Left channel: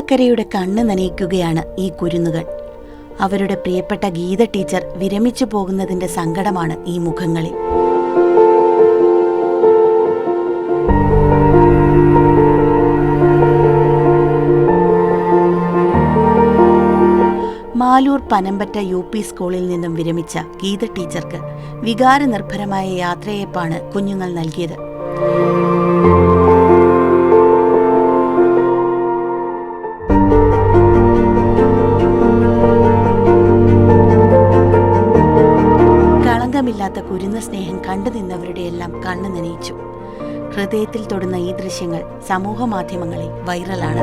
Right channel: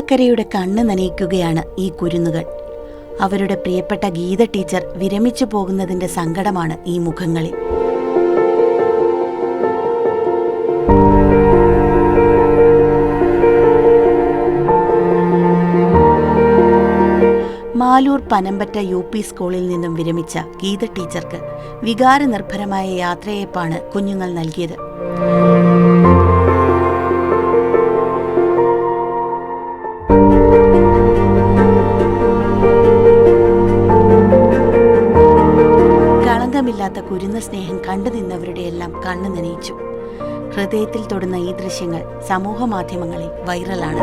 കേരളക്കരയുടെ കണ്ണ് നനയിക്കുകയാണ് ഈ കുരുന്നുകൾ. അവരുടെ പ്രിയപ്പെട്ട ഗീത ടീച്ചർ വിരമിച്ചു പോകുന്നതിന്റെ സങ്കടമാണ് ഈ മുഖങ്ങളിൽ. മാലൂർ പനമ്പറ്റ UP സ്കൂളിൽ നിന്നും വിരമിച്ച ഗീത ടീച്ചർക്ക് വികാരനിർഭരമായ യാത്രയയപ്പാണ് കുഞ്ഞുങ്ങൾ നൽകിയത്. കളങ്കമില്ലാത്ത കുരുന്ന സ്നേഹം കണ്ടു നിന്നവരുടെയെല്ലാം കണ്ണു നനയിച്ചു. ഹൃദയത്തിൽ തൊടുന്ന ഈ ദൃശ്യങ്ങൾ സമൂഹ മാധ്യമങ്ങളിൽ വൈറലാണ്.